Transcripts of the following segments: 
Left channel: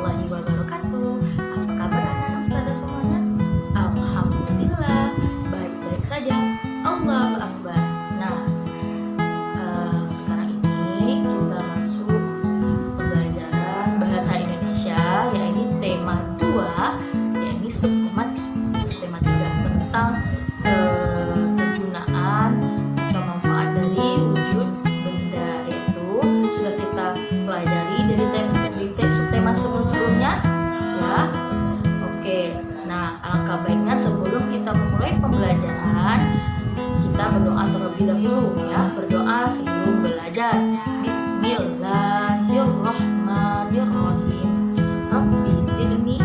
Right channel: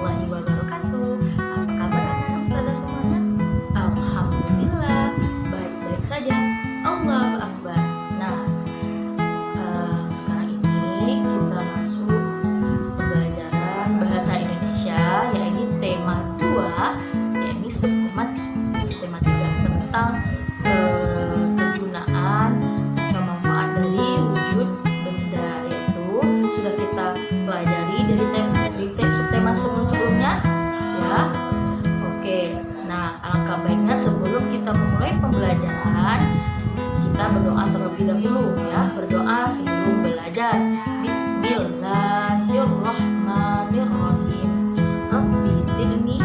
warahmatullahi wabarakatuh. Apa kabar anak-anak ustazah semuanya? Alhamdulillah, baik-baik saja. Allahu Akbar. Nah, sekarang ini kita masuk pembelajaran bahasa Indonesia, yaitu tema 2, yaitu subtema 3 tentang kegunaan atau manfaat dari wujud benda, yaitu sudah kita pelajari dari subtema sebelumnya ya. Oke, nah alangkah baiknya sebelum kita memulai pembelajaran, kita berdoa terlebih dahulu ya, berdoa sebelum belajar. Bismillahirrahmanirrahim. Rabbi zidni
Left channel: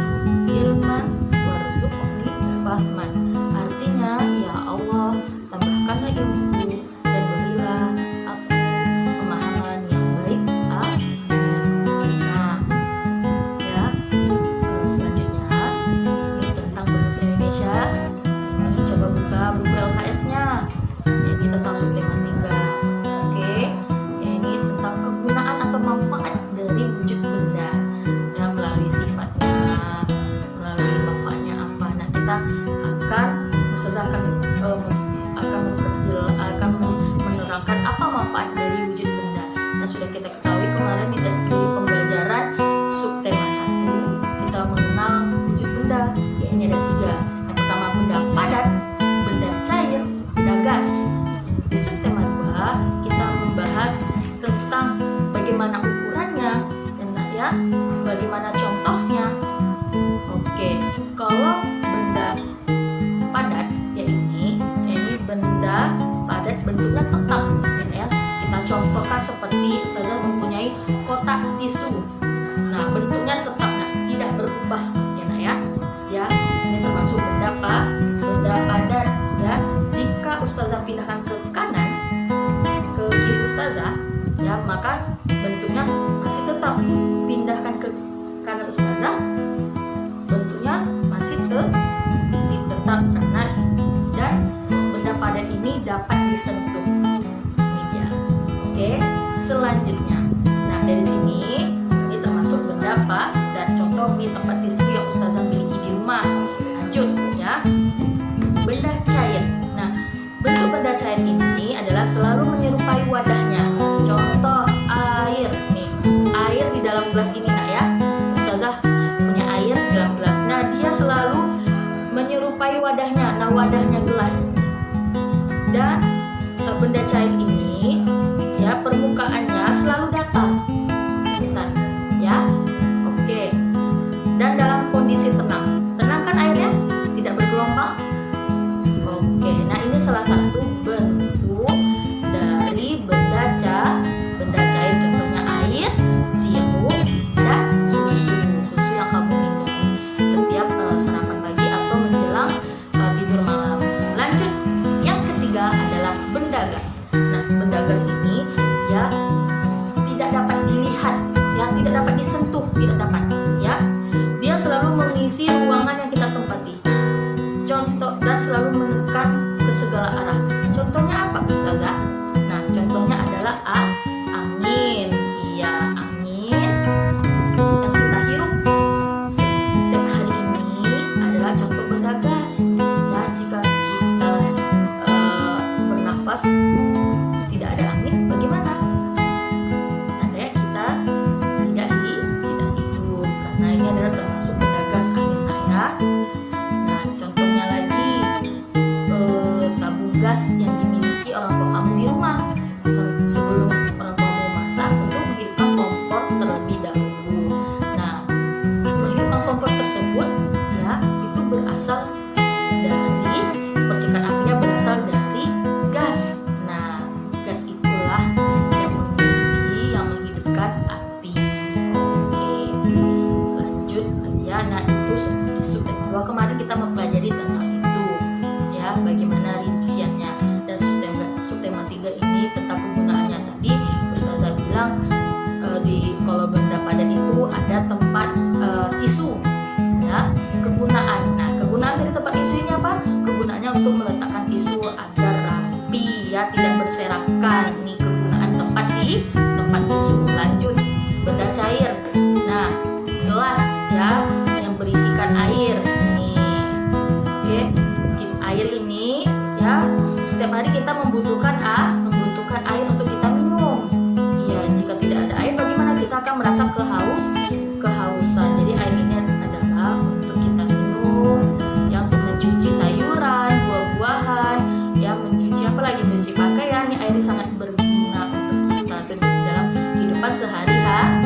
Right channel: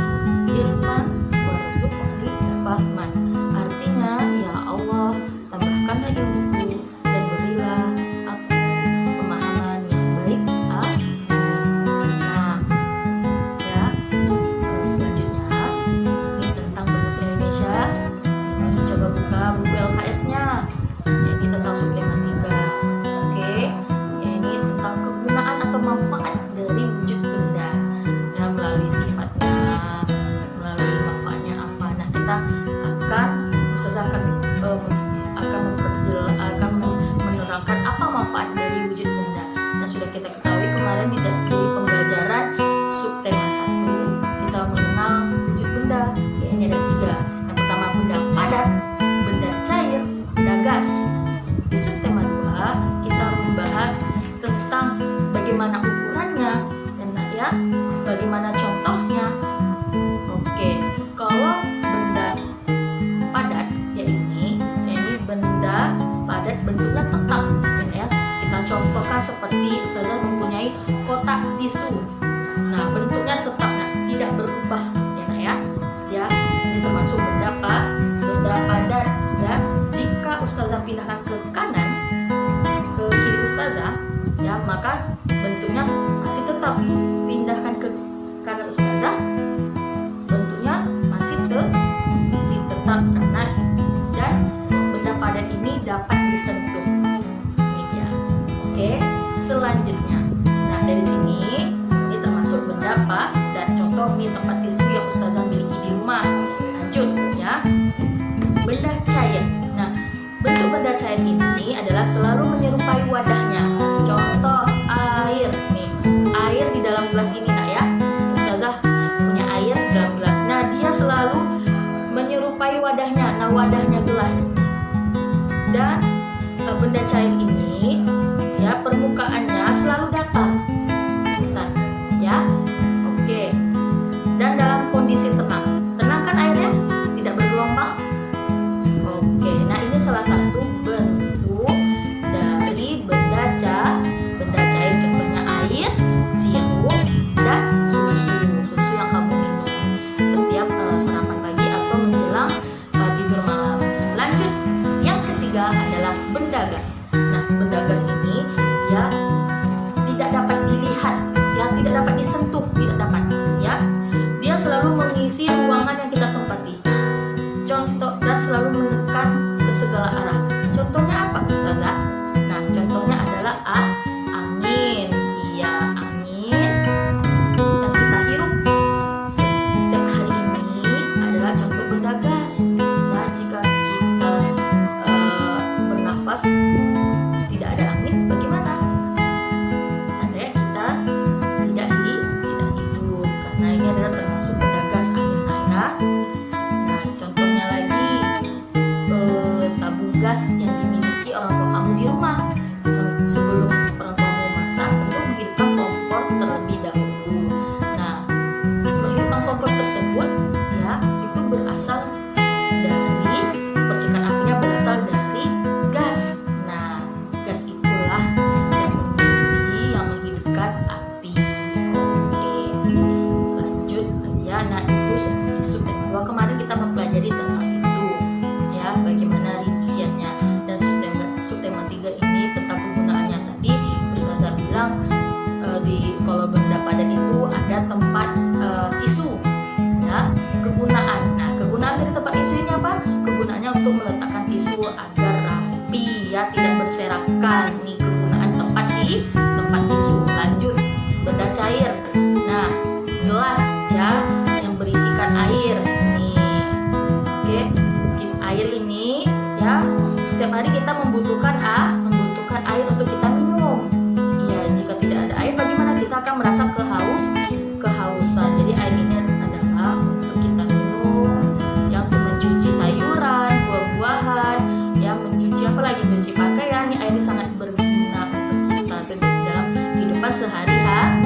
ilman warzuqni fahman. Artinya, ya Allah, tambahkanlah ilmuku dan berilah aku pemahaman yang baik. Amin. Nah, ya, selanjutnya ini tentang bahasa Indonesia. Ini coba buka buku LKS-nya. Ini tentang subtema 3. Oke. Ini tentang kegunaan atau manfaat dari wujud benda. Ya, melalui sifatnya, melalui manfaatnya apa. Nah, kita Ustazah akan menerangkan apa manfaat dari wujud benda. Nah, sudah kita ketahui kemarin di pembelajaran subtema 1 kita mengenal wujud benda. Ya, ini ada 3. Yang pertama benda padat, benda cair, benda gas. Di subtema 2 kita membahas tentang bagaimana ukurannya dan ya bagaimana contohnya. Oke, kalau benda padat ya ini benda padat bentuknya tetap ini ya. Kita contohkan seperti ustazah mempunyai kotak tisu. Nah, bentuknya tetap, nah, tidak berubah ya nak ya. Ya, ini termasuk benda padat ya. Jika ustazah pindahkan ke kanan, ke kiri ustazah ya, maka bentuknya masih tetap. Pindahkan ke kanan ustazah, bentuknya masih tetap karena dan benda padat ini dapat disentuh. Ini dia. Oke, selanjutnya. Nah, dari sini ini termasuk benda padat. Contoh nih tempat tisu yang ustazah miliki di rumah. Lanjut ya. Benda cair. Nah, bentuk benda cair ini adalah selalu menyerupai wadahnya. Contoh air nih. Air di dalam gelas ini nak ya. Ustazah punya air di dalam gelas. Nah, dia selalu menyerupai wadahnya. Nah, wadahnya gelas. Dan benda cair ini ya permukaannya selalu datar ya. Oke. Dan dalam kondisi tenang. Tenang kan airnya? Tidak bergelombang. Oke. Nah, ini salah satu bentuk dari benda cair, contohnya air, sirup, dan susu yang kamu minum setiap sarapan pagi atau menjelang tidur malam. Lanjut, yang ketiga adalah benda gas. Nah, benda gas ini dia tidak dapat dilihat, ya, tidak dapat disentuh, tidak dapat, ya. Dia selalu mengisi ruangan yang kita tempati. Contoh, dan selalu menekan ke segala arah. Contohnya apa, ustazah? Nah, contohnya adalah angin. Iya, angin yang kita hirup setiap hari ini adalah contoh benda gas. Ya, jika kita bernafas tidak ada angin, bagaimana? Tandanya kita tidak hidup, karena ini adalah termasuk benda gas, angin nak ya. Nah, contohnya lagi tabung gas yang dimiliki orang tua kamu di rumah. Sebelum orang tuamu masak, tentu menghidupkan kompor terlebih dahulu. Nah, menghidupkan kompor tersebut ya itu berasal dari percikan apinya berasal dari gas. Nah, gas itulah yang mengisi, yang menghidupkan api. Oke, lanjut ya. Nah, itu di subtema 2 kemarin kita mempelajari tentang itu ya, bagaimana rinciannya. Dan subtema 3 ini tentang kegunaannya. Tadi ustazah bilang kalau benda padat itu ada tempat tisu ya. Kegunaan. Nah, kegunaan dari tempat tisu ini apa? Kegunaannya untuk meletakkan tisu agar rapi ya, tidak berserakan. Nih kegunaan tempat tisu. Lanjut, benda cair. Nah, gelas ya yang berisikan air nih. Oke, air ini ya setiap hari kita membutuhkan air untuk kita minum. Iya, jika tidak ada air bagaimana? Kita akan merasa kehausan. Jadi air ini adalah untuk kita minum, ya untuk mencuci sayuran, buah-buahan, ya mencuci mencuci pakaian. Ini air sangat berguna untuk kita itu dalam kehidupan sehari-hari.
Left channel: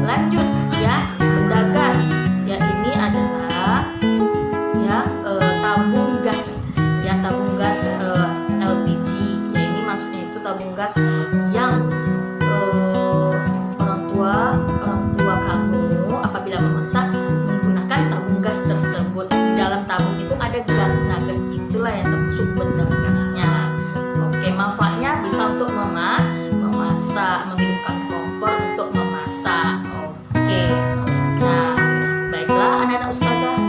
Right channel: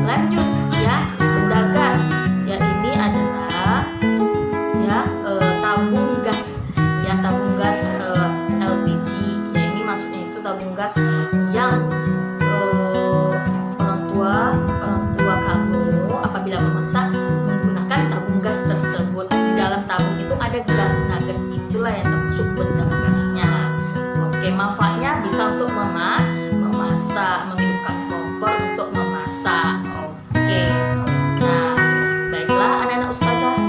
Lanjut ya, benda gas. Ya ini adalah tabung gas. Ya tabung gas LPG. Ya ini maksudnya itu tabung gas yang orang tua kamu apabila memasak menggunakan tabung gas tersebut. Di dalam tabung itu ada gas. Nah, gas itulah yang termasuk benda gasnya. Oke, manfaatnya bisa untuk memasak, menghidupkan kompor untuk memasak. Oke. Nah, baiklah anak-anak ustazah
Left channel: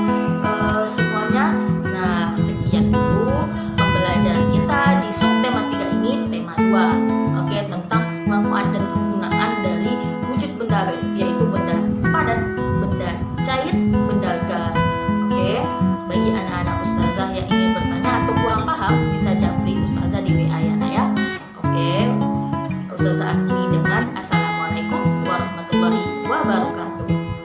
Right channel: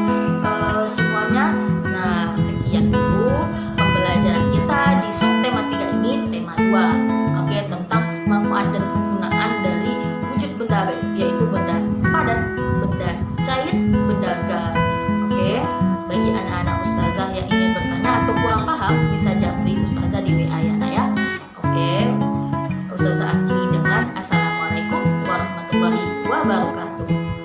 semuanya. Nah, sekian dulu pembelajaran kita di subtema 3 ini, tema 2. Oke, tentang manfaat dan kegunaan dari wujud benda, yaitu benda padat, benda cair, benda gas. Oke, bagi anak-anak ustazah yang ingin bertanya atau kurang paham bisa japri ustazah di WA ya nak ya. Oke, ustazah akhiri dengan assalamualaikum warahmatullahi wabarakatuh.